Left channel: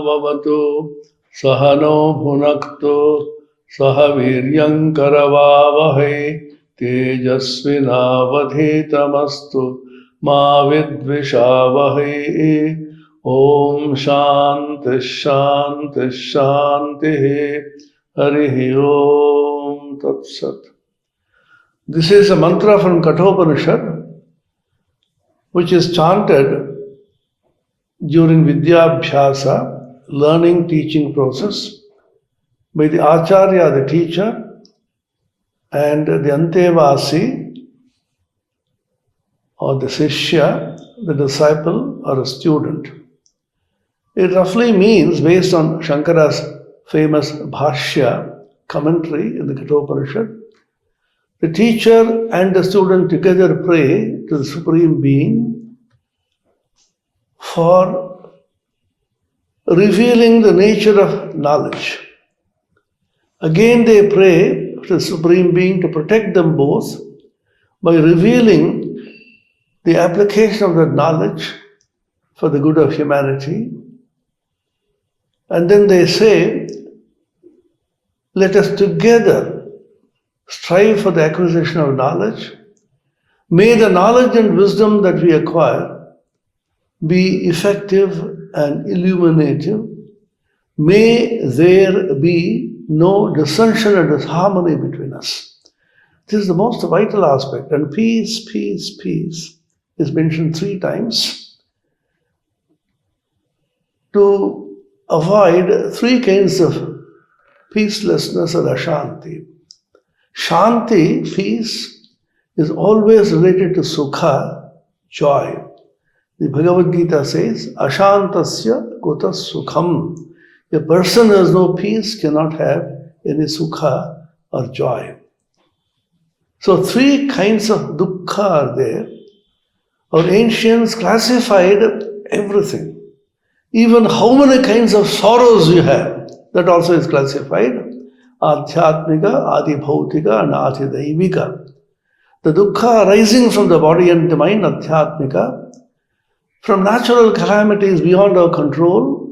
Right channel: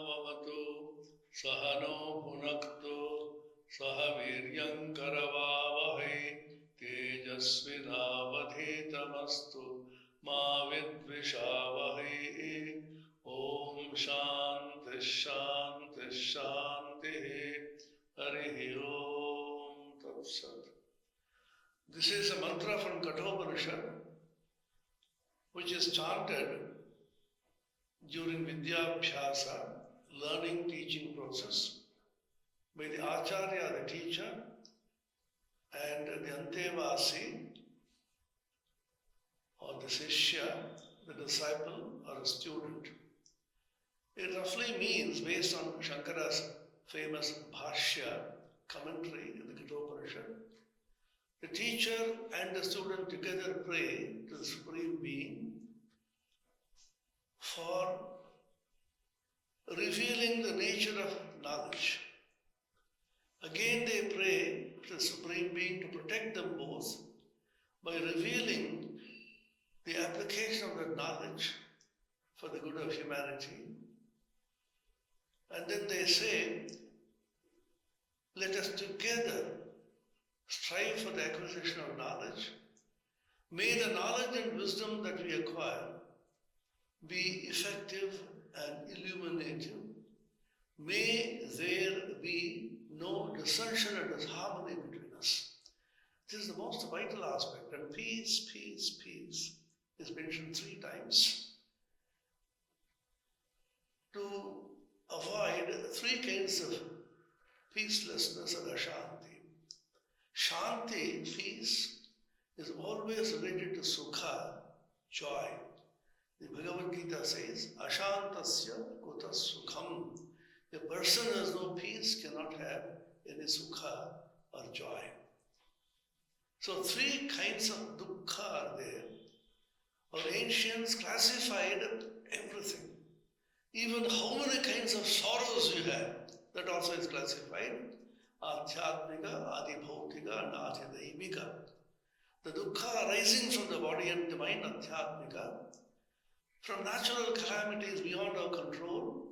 Vavatu Sahano Bhunaktu Saha Viryam Karavavahai Tejasvinavadhitamastu Ma Vidvishavahai. Om Shanti Shanti Shanti. Harihi Om Tat Sat. This is a mantra from Kathopanishad, which is chanted during Vidyabhyasa, learning teaching process, by the Acharya, the teacher, and the Antevasi, or the Sishya, the disciple or a student. It roughly means, based on Shankara's famous Bhashya commentary in the Kathopanishad, the teacher and the student together pray to the Supreme Being for revealing the nature of knowledge. Again they pray to the Supreme Being to protect them both by revealing the application of that knowledge for the good of humanity. And then they say, let us together strive for the acquisition of knowledge. May the knowledge and wisdom that we acquire be effective and illuminative. May there be no dissension and disharmony between us. This is the most vital aspect. And peace, peace, peace is mentioned 3 times to avoid 3 kinds of peacelessness or ashanti. Shanti, peace, is always related to sukha, joy. The Bhagavad Gita says, Ashantasya kuta sukham. A person who has no peace cannot have any sukha or joy. So 3 kinds of dukkha are there. Our ancients classified everything. Even how many kinds of sorrows you have, that also is classified. Adhyatmika, Adibhautika and Adhidaivika. The dukkha arising from the body and the mind, Adhyatmika, from natural calamities beyond our control,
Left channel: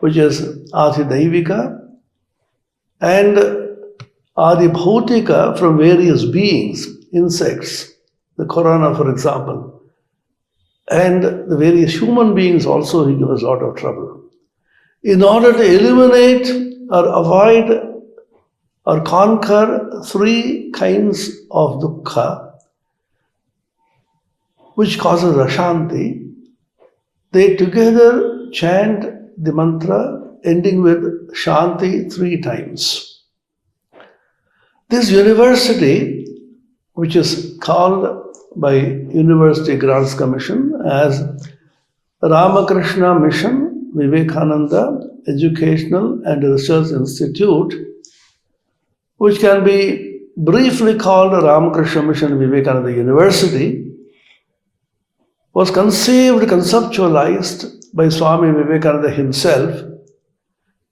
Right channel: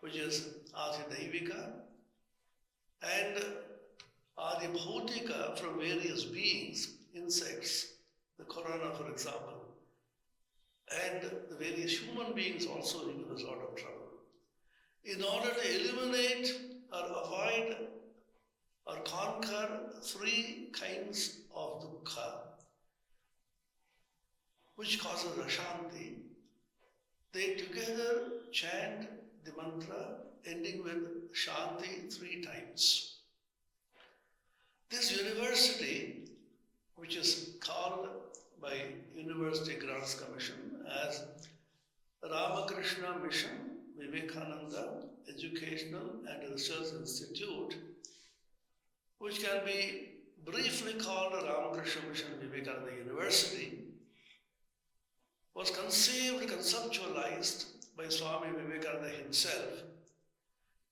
which is Adhidaivika, and Adibhautika from various beings, insects, the corona for example, and the various human beings also who give us a lot of trouble. In order to eliminate or avoid or conquer 3 kinds of dukkha, which causes ashanti, they together chant the mantra ending with Shanti 3 times. This university, which is called by University Grants Commission as Ramakrishna Mission Vivekananda Educational and Research Institute, which can be briefly called Ramakrishna Mission Vivekananda University, was conceptualized by Swami Vivekananda himself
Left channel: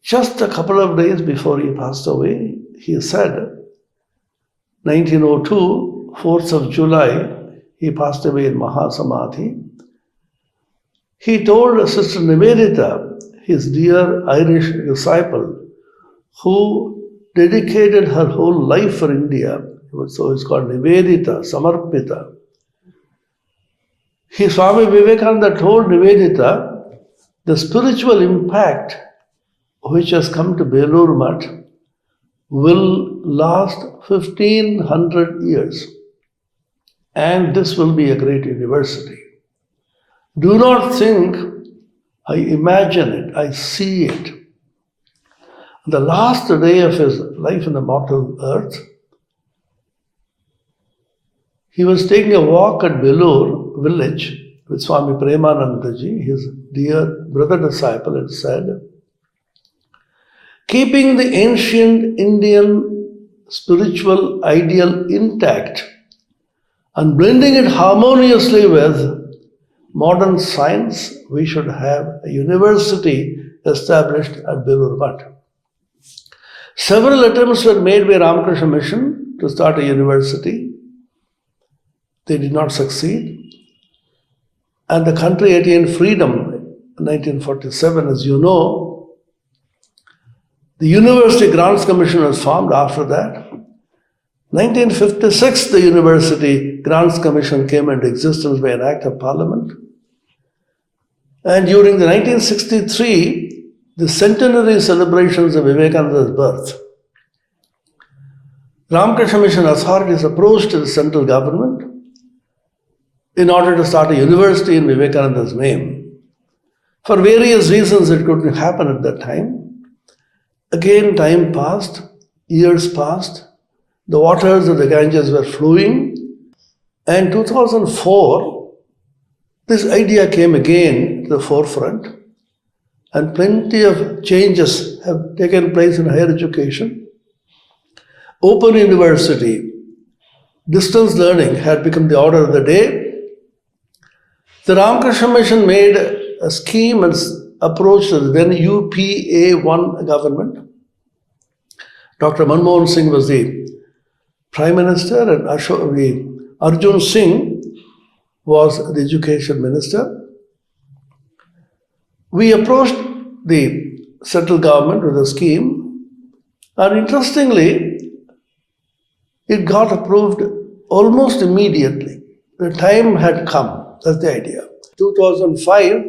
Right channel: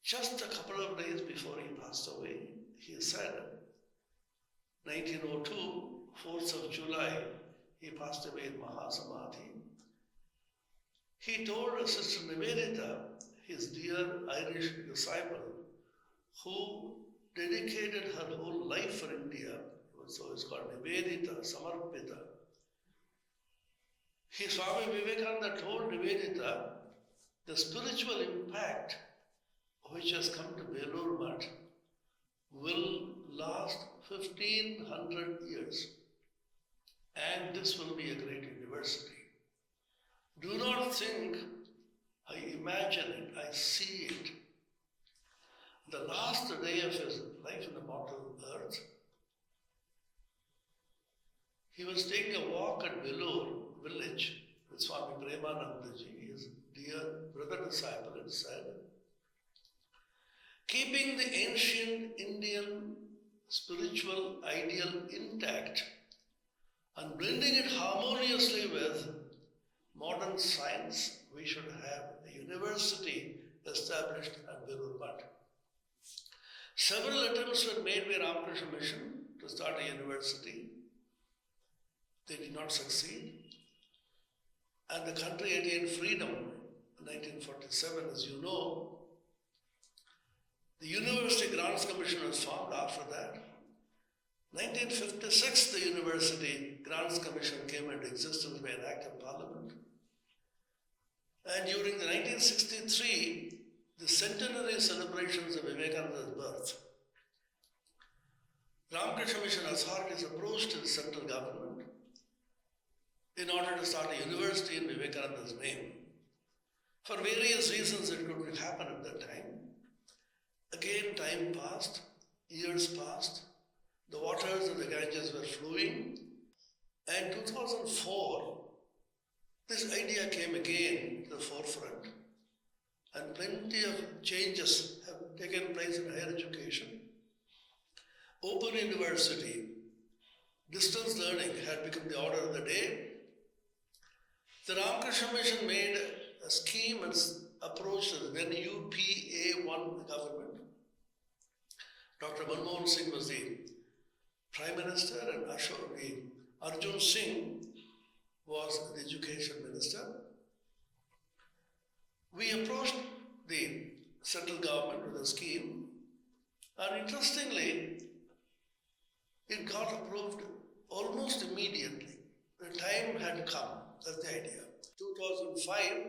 just a couple of days before he passed away. He said, 1902, 4th of July, he passed away in Mahasamadhi. He told Sister Nivedita, his dear Irish disciple, who dedicated her whole life for India, so it's called Nivedita, Samarpita. Swami Vivekananda told Nivedita, the spiritual impact which has come to Belur Mutt will last 1500 years, and this will be a great university. Do not think I imagine it, I see it. The last day of his life in the mortal earth, he was taking a walk at Belur village with Swami Premanandaji, his dear brother disciple, and said, keeping the ancient Indian spiritual ideal intact and blending it harmoniously with modern science, we should have a university established at Belur Mutt. Several attempts were made by Ramakrishna Mission to start a university. They did not succeed. And the country attained freedom 1947, as you know, the University Grants Commission was formed after that. 1956, the University Grants Commission came into existence by an act of Parliament. And during the 1963, the centenary celebrations of Vivekananda's birth, Ramakrishna Mission authorities approached the central government in order to start a university in Vivekananda's name. For various reasons, it couldn't happen at that time. Again, time passed, years passed, the waters of the Ganges were flowing, and 2004, this idea came again to the forefront, and plenty of changes have taken place in higher education. Open university, distance learning had become the order of the day. The Ramakrishna Mission made a scheme and approached the then UPA-1 government. Dr. Manmohan Singh was the Prime Minister and Arjun Singh was the Education Minister. We approached the central government with a scheme, and interestingly, it got approved almost immediately. The time had come. That's the idea. 2005,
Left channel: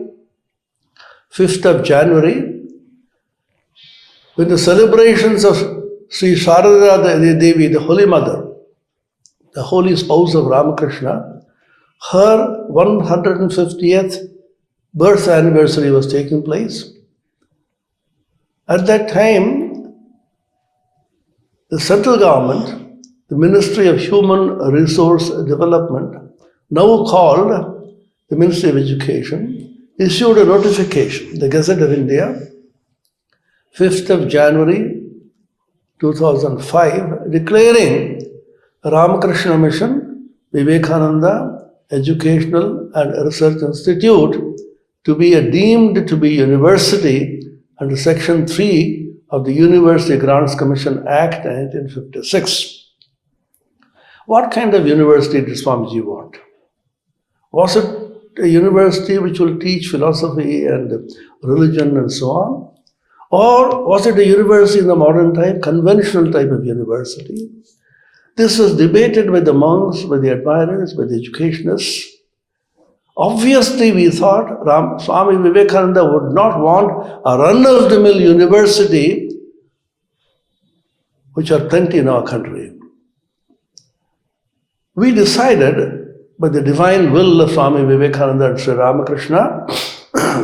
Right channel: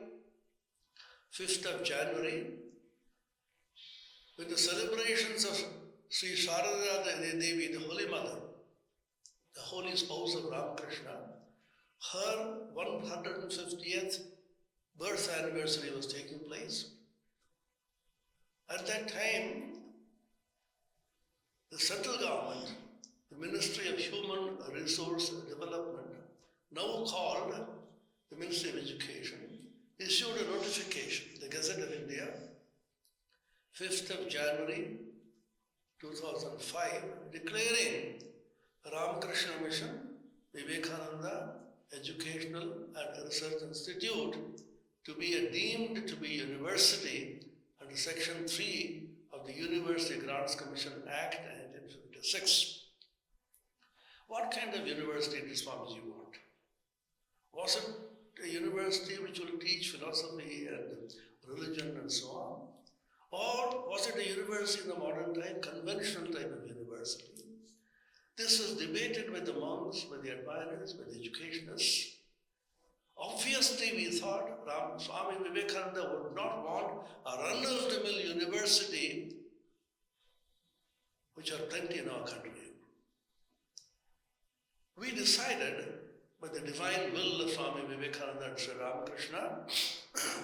5th of January, when the celebrations of Sri Sharada Devi, the Holy Mother, the holy spouse of Ramakrishna, her 150th birth anniversary was taking place. At that time, the central government, the Ministry of Human Resource Development, now called the Ministry of Education, issued a notification, the Gazette of India, 5th of January 2005, declaring Ramakrishna Mission, Vivekananda Educational and Research Institute to be deemed to be university under Section 3 of the University Grants Commission Act 1956. What kind of university did Swamiji want? Was it a university which will teach philosophy and religion and so on? Or was it a university in the modern type, conventional type of university? This was debated by the monks, by the admirers, by the educationists. Obviously, we thought Swami Vivekananda would not want a run-of-the-mill university, which are plenty in our country. We decided, by the divine will of Swami Vivekananda and Sri Ramakrishna,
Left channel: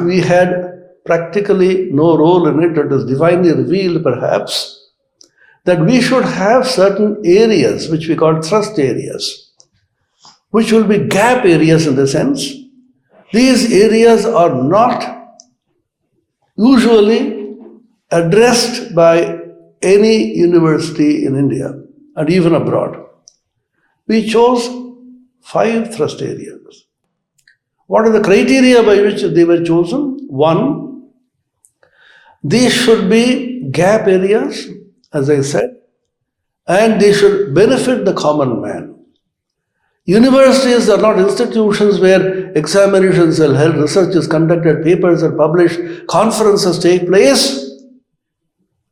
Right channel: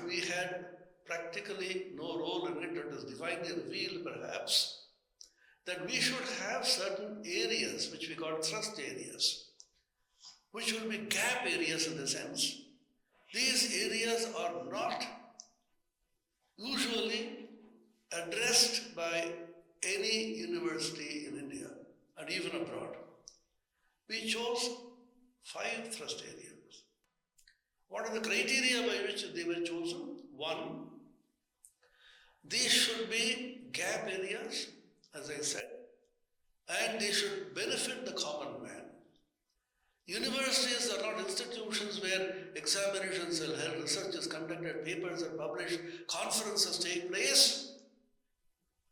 we had practically no role in it. It was divinely revealed, perhaps, that we should have certain areas which we call thrust areas, which will be gap areas in the sense. These areas are not usually addressed by any university in India and even abroad. We chose 5 thrust areas. What are the criteria by which they were chosen? 1, these should be gap areas, as I said, and they should benefit the common man. Universities are not institutions where examinations are held, research is conducted, papers are published, conferences take place,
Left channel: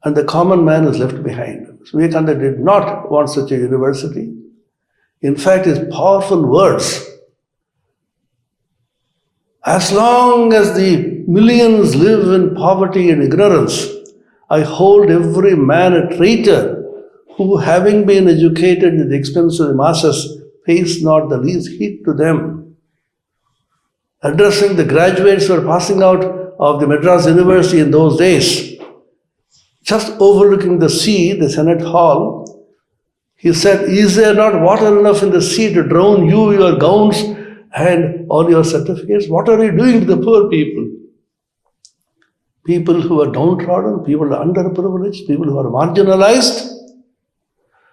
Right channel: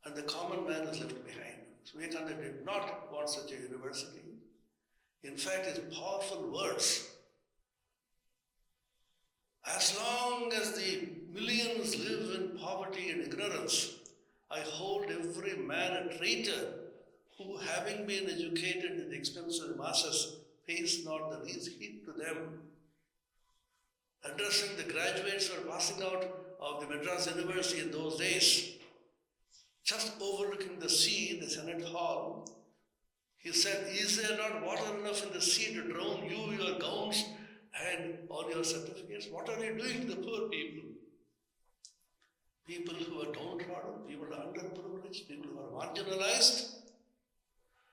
and the common man is left behind. Vivekananda did not want such a university. In fact, his powerful words, as long as the millions live in poverty and ignorance, I hold every man a traitor who, having been educated at the expense of the masses, pays not the least heed to them. Addressing the graduates who were passing out of the Madras University in those days, just overlooking the sea, the Senate Hall, he said, is there not water enough in the sea to drown you, your gowns, and all your certificates? What are you doing to the poor people? People who are downtrodden, people who are underprivileged, people who are marginalized.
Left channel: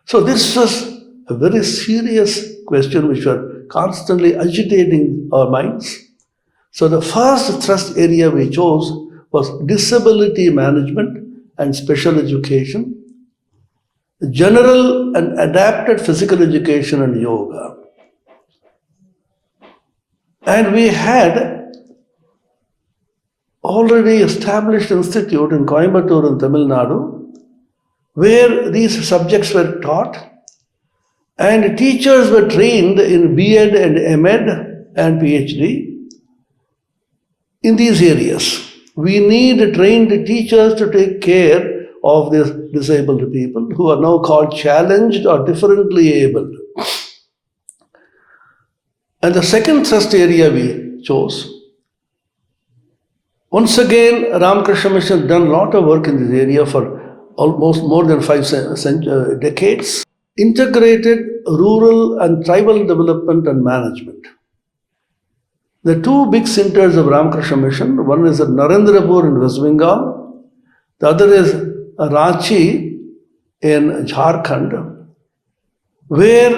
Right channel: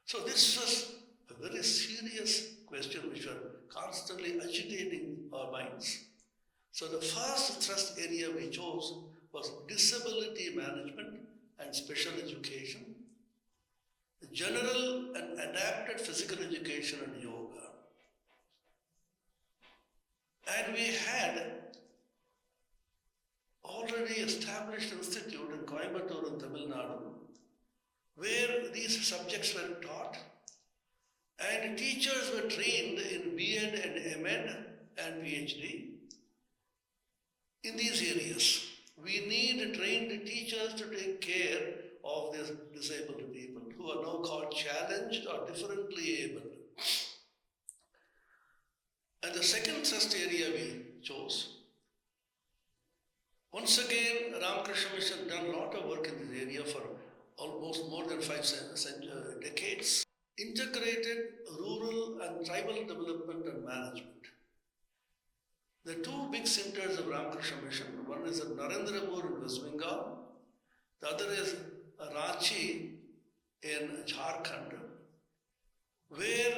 So this was a very serious question which was constantly agitating our minds. So the first thrust area we chose was disability management and special education, general and adapted physical education and yoga. And we had already established institute in Coimbatore in Tamil Nadu where these subjects were taught and teachers were trained in B.Ed and M.Ed and PhD in these areas. We need trained teachers to take care of these disabled people who are now called challenged or differently abled. And the second thrust area we chose, once again, Ramakrishna Mission has done a lot of work in this area for almost more than 5 decades. Integrated rural and tribal development and management. The two big centers of Ramakrishna Mission, one is at Narendrapur in West Bengal, the other is Ranchi in Jharkhand, where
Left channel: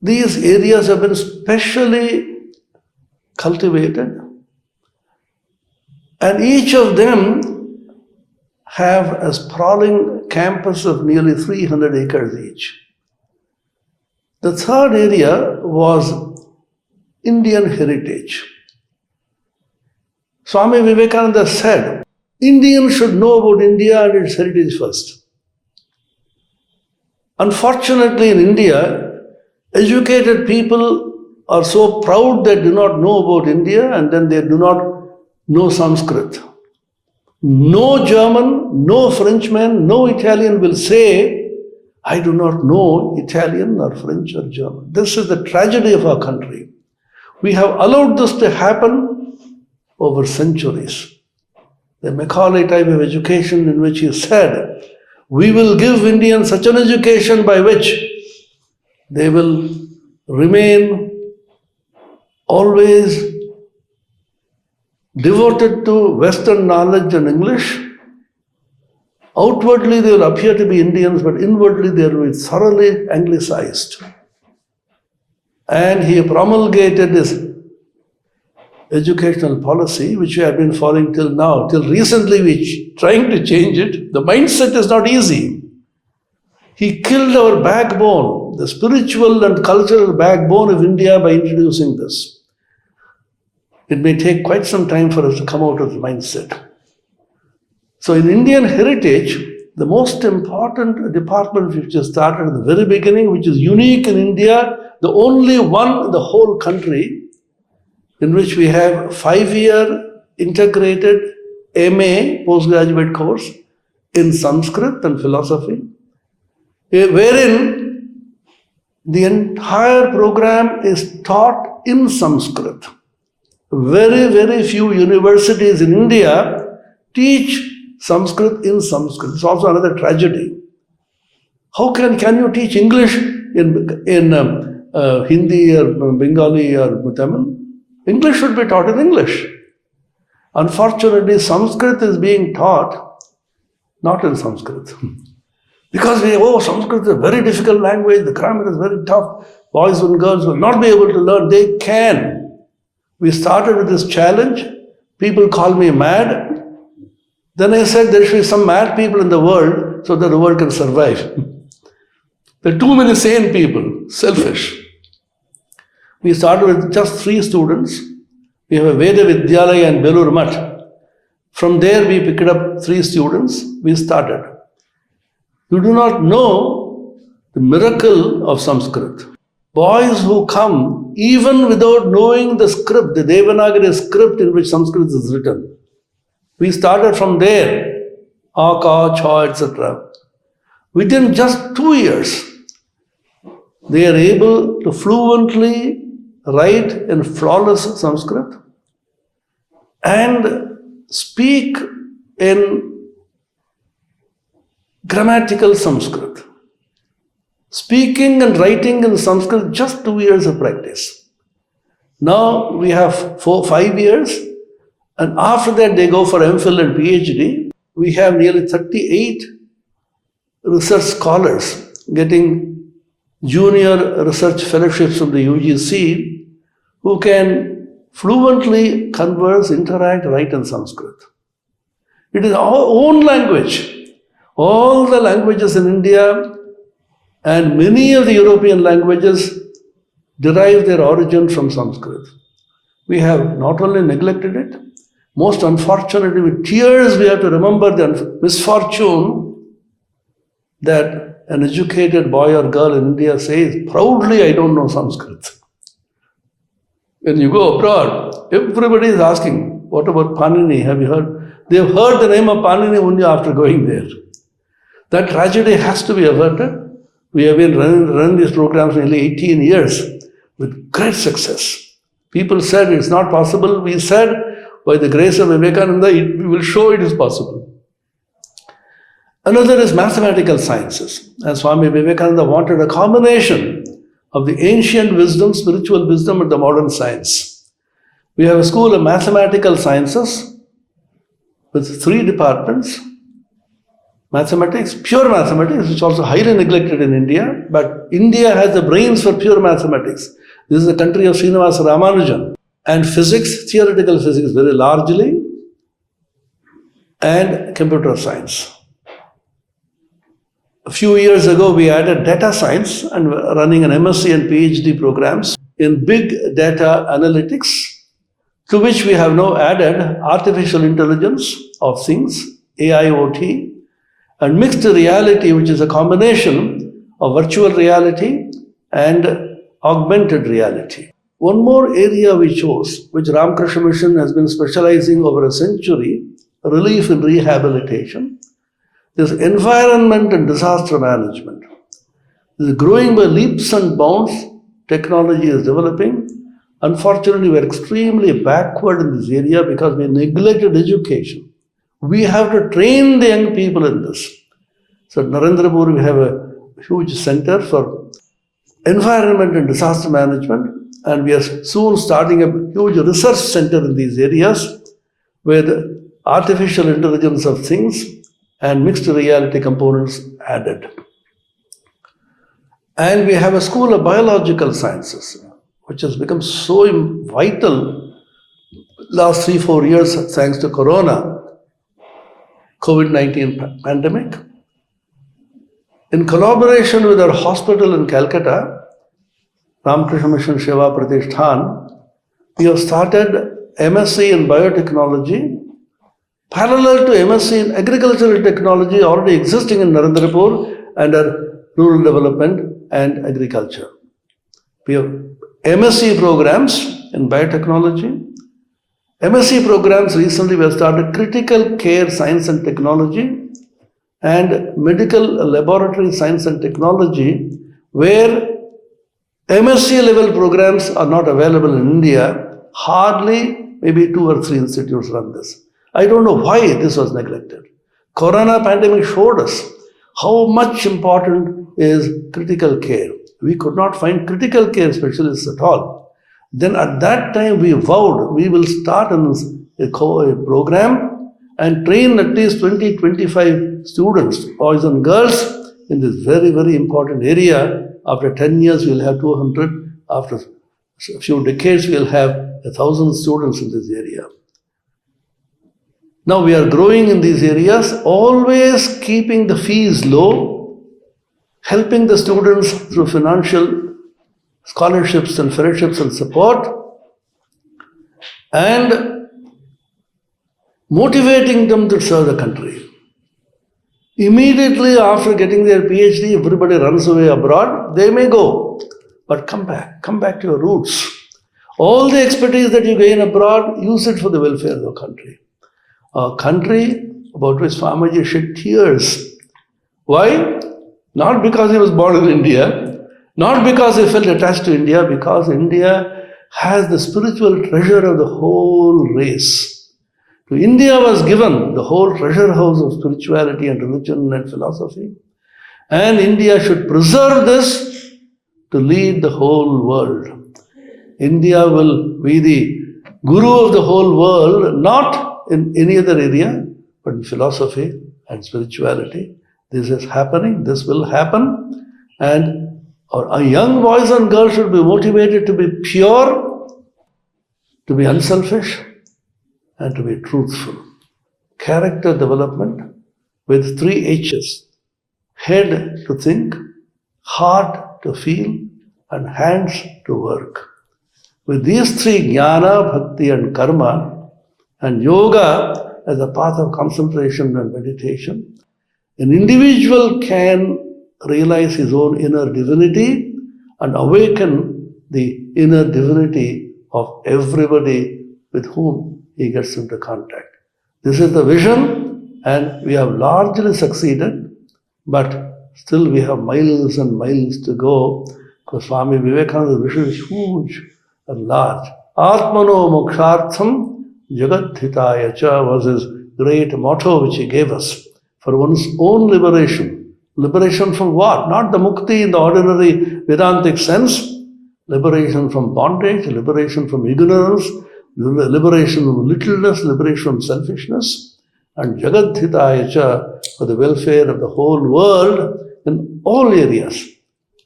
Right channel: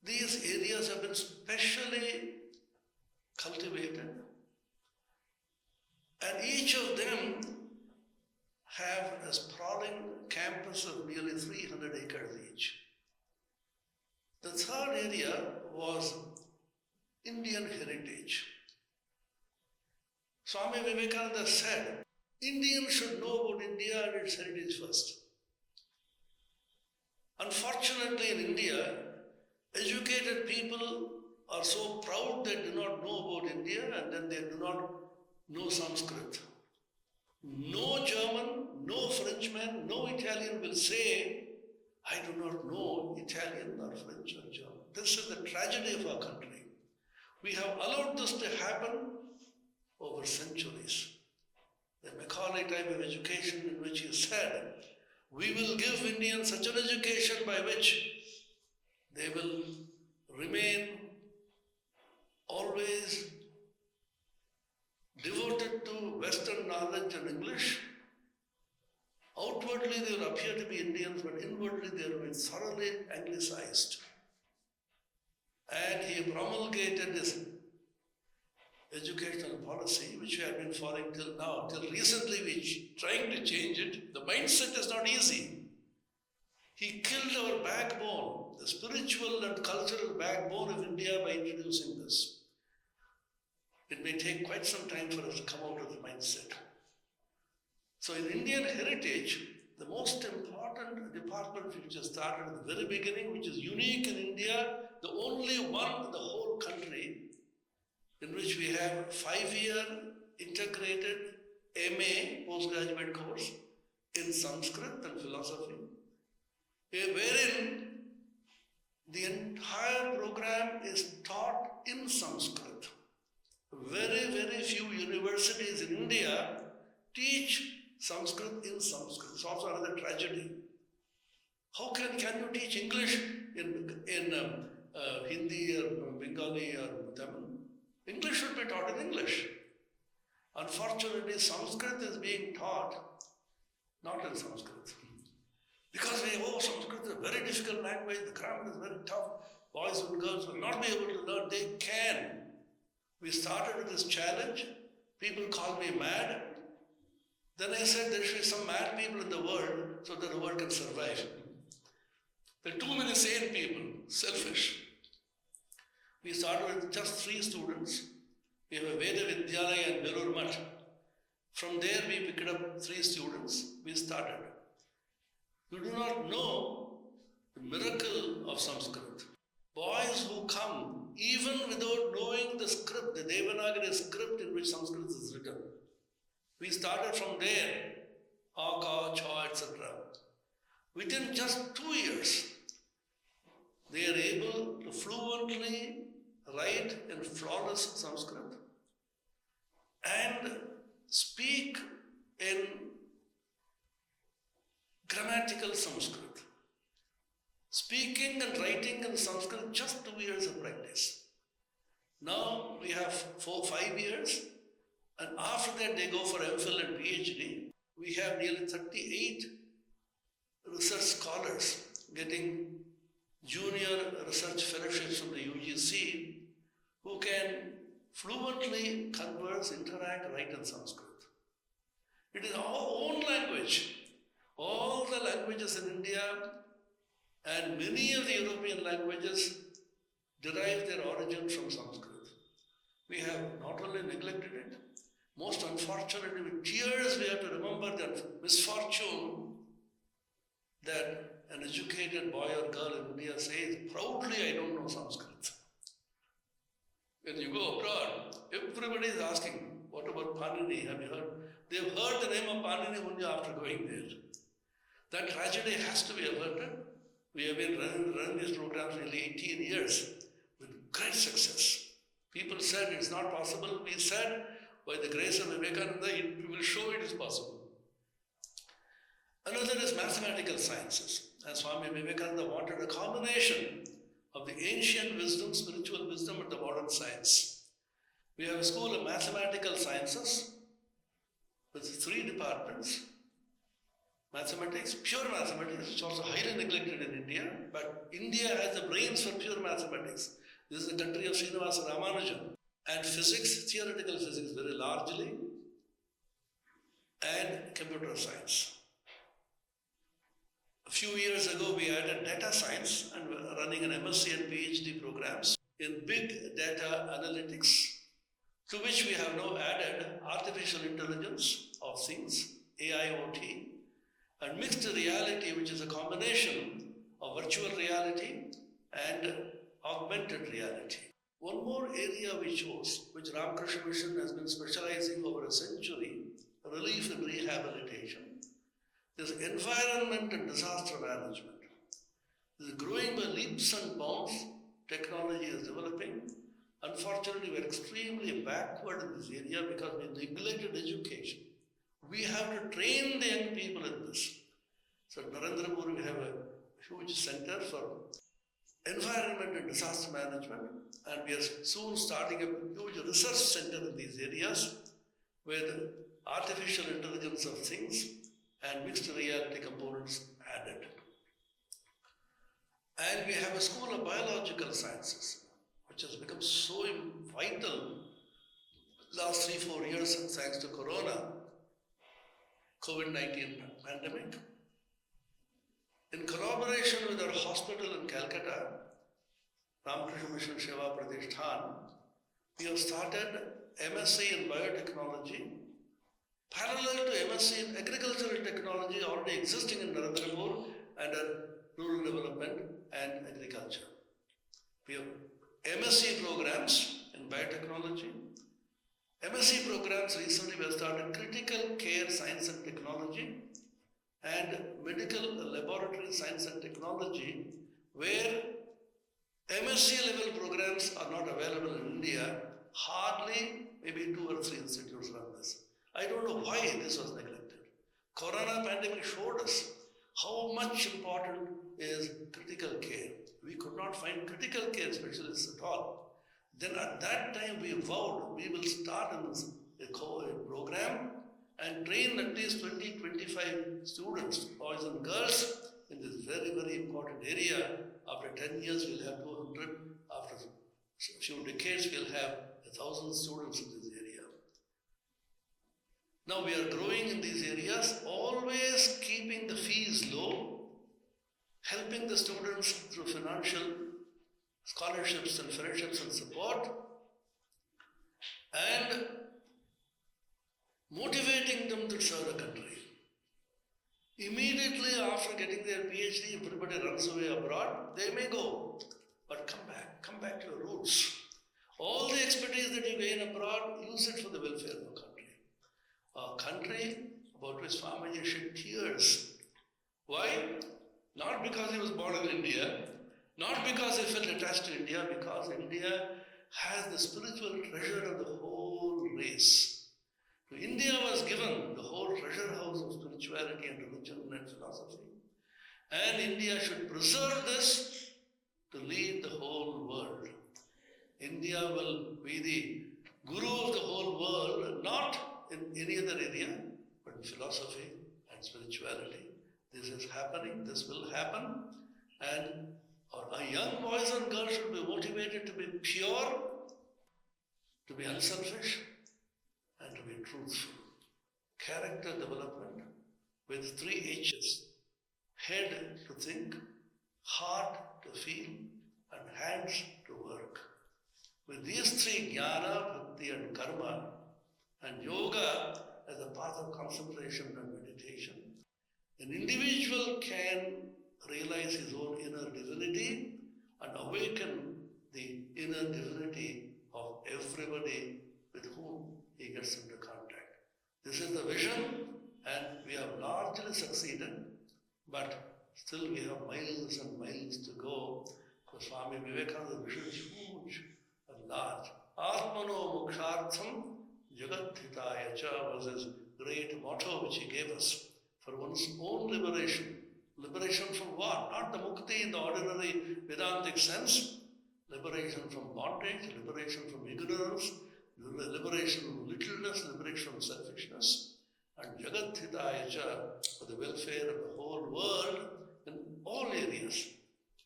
these areas have been specially cultivated, and each of them have a sprawling campus of nearly 300 acres each. The third area was Indian heritage. Swami Vivekananda said, Indians should know about India and its heritage first. Unfortunately, in India, educated people are so proud they do not know about India and then they do not know Sanskrit. No German, no Frenchman, no Italian will say, I do not know Italian or French or German. This is the tragedy of our country. We have allowed this to happen over centuries. The Macaulay type of education in which he said, we will give Indians such an education by which they will remain always devoted to Western knowledge and English. Outwardly they will appear to be Indians, but inwardly they will be thoroughly anglicized. And he promulgated this educational policy, which we have been following till now. Till recently we are trying to change it. The mindset is not easy. He killed our backbone, the spiritual and cultural backbone of India by introducing this. It may take quite some time for us to come out of the mindset. So in Indian heritage, the most important department which has started at the very beginning, which is unique in India, the only one in the whole country, in which we have 5-year integrated MA postgraduate course in Sanskrit and philosophy, wherein the entire program is taught in Sanskrit. Very, very few universities in India teach Sanskrit in Sanskrit. It's also another tragedy. How can you teach English in Hindi or Bengali or Tamil? English should be taught in English. Unfortunately, Sanskrit is being taught not in Sanskrit. Because Sanskrit is a very difficult language, the grammar is very tough, boys and girls will not be able to learn. They can. We started with this challenge. People call me mad. Then I said there should be some mad people in the world so that the world can survive. There are too many sane people, selfish. We started with just 3 students. We have a Veda Vidyalaya and Belur Mutt. From there we picked up 3 students. We started. You do not know the miracle of Sanskrit. Boys who come even without knowing the script, the Devanagari script in which Sanskrit is written. We started from there, Aka, Cha, etc. Within just 2 years, they are able to fluently write in flawless Sanskrit and speak in grammatical Sanskrit. Speaking and writing in Sanskrit, just 2 years of practice. Now we have 5 years, and after that they go for MPhil and PhD. We have nearly 38 research scholars getting junior research fellowships from the UGC who can fluently converse, interact, write in Sanskrit. It is our own language. All the languages in India and many of the European languages derive their origin from Sanskrit. We have not only neglected it, Most unfortunately, with tears, we have to remember the misfortune that an educated boy or girl in India says, proudly, I don't know Sanskrit. When you go abroad, everybody is asking, what about Panini? Have you heard? They've heard the name of Panini only after going there. That tragedy has to be averted. We have been running these programs nearly 18 years with great success. People said it's not possible. We said, by the grace of Vivekananda, we will show it is possible. Another is mathematical sciences. And Swami Vivekananda wanted a combination of the ancient wisdom, spiritual wisdom, and the modern science. We have a school of mathematical sciences with 3 departments. Mathematics, pure mathematics, which is also highly neglected in India, but India has the brains for pure mathematics. This is the country of Srinivasa Ramanujan. And physics, theoretical physics very largely, and computer science. A few years ago, we added data science and running an MSc and PhD programs in big data analytics, to which we have now added artificial intelligence of things, AIoT, and mixed reality, which is a combination of virtual reality and augmented reality. One more area we chose, which Ramakrishna Mission has been specializing over a century, relief and rehabilitation, is environment and disaster management. This is growing by leaps and bounds. Technology is developing. Unfortunately, we are extremely backward in this area because we neglected education. We have to train the young people in this. So at Narendrapur, we have a huge center for environment and disaster management, and we are soon starting a huge research center in these areas with artificial intelligence of things and mixed reality components added. And we have a school of biological sciences, which has become so vital last 3-4 years thanks to Corona, COVID-19 pandemic. In collaboration with our hospital in Kolkata, Ramakrishna Mission Seva Pratishthan, we have started MSc in biotechnology, parallel to MSc in agricultural technology already existing in Narendrapur under rural development and agriculture. We have MSc programs in biotechnology. MSc programs recently we have started critical care science and technology and medical laboratory science and technology, where MSc level programs are not available in India. Hardly maybe 2 or 3 institutes run this. I don't know why this was neglected. Corona pandemic showed us how much important is critical care. We could not find critical care specialists at all. Then at that time we vowed we will start a program and train at least 20-25 students, boys and girls, in this very, very important area. After 10 years, we'll have 200. After a few decades, we'll have 1,000 students in this area. Now we are growing in these areas, always keeping the fees low, helping the students through financial scholarships and fellowships and support, and motivating them to serve the country. Immediately after getting their PhD, everybody runs away abroad. They may go, but come back to your roots. All the expertise that you gain abroad, use it for the welfare of the country. A country about which Swamiji shed tears. Why? Not because he was born in India, not because he felt attached to India, because India has the spiritual treasure of the whole race. To India was given the whole treasure house of spirituality and religion and philosophy. And India should preserve this to lead the whole world. India will be the guru of the whole world, not in any other area, but in philosophy and spirituality. This is happening, this will happen. And our young boys and girls should be motivated to be pure, to be unselfish, and to be truthful. Character development with 3 H's. Head to think, heart to feel, and hands to work. With these 3, jnana, bhakti and karma, And yoga as a path of concentration and meditation. An individual can realize his own inner divinity and awaken the inner divinity of everybody with whom he gets into contact. This is the vision, and we have largely succeeded, but still we have miles and miles to go, because Swami Vivekananda's vision is huge and large. Atmano mokshartham jagat-hitaya cha was his great motto which he gave us. For one's own liberation. Liberation from what? Not the mukti in the ordinary Vedantic sense. Liberation from bondage, liberation from ignorance, liberation from littleness, liberation from selfishness, and jagat-hitaya cha, for the welfare of the whole world in all areas.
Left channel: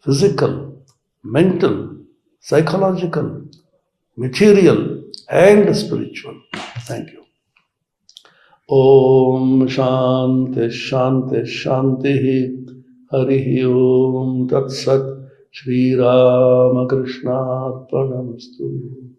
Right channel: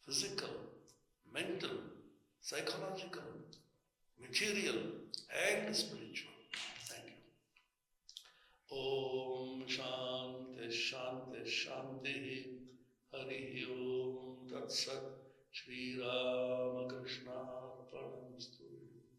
Physical, mental, psychological, material, and spiritual. Thank you. Om Shanti Shanti Shanti Harihi Om Tat Sat Shri Ramakrishna Arpanamastu.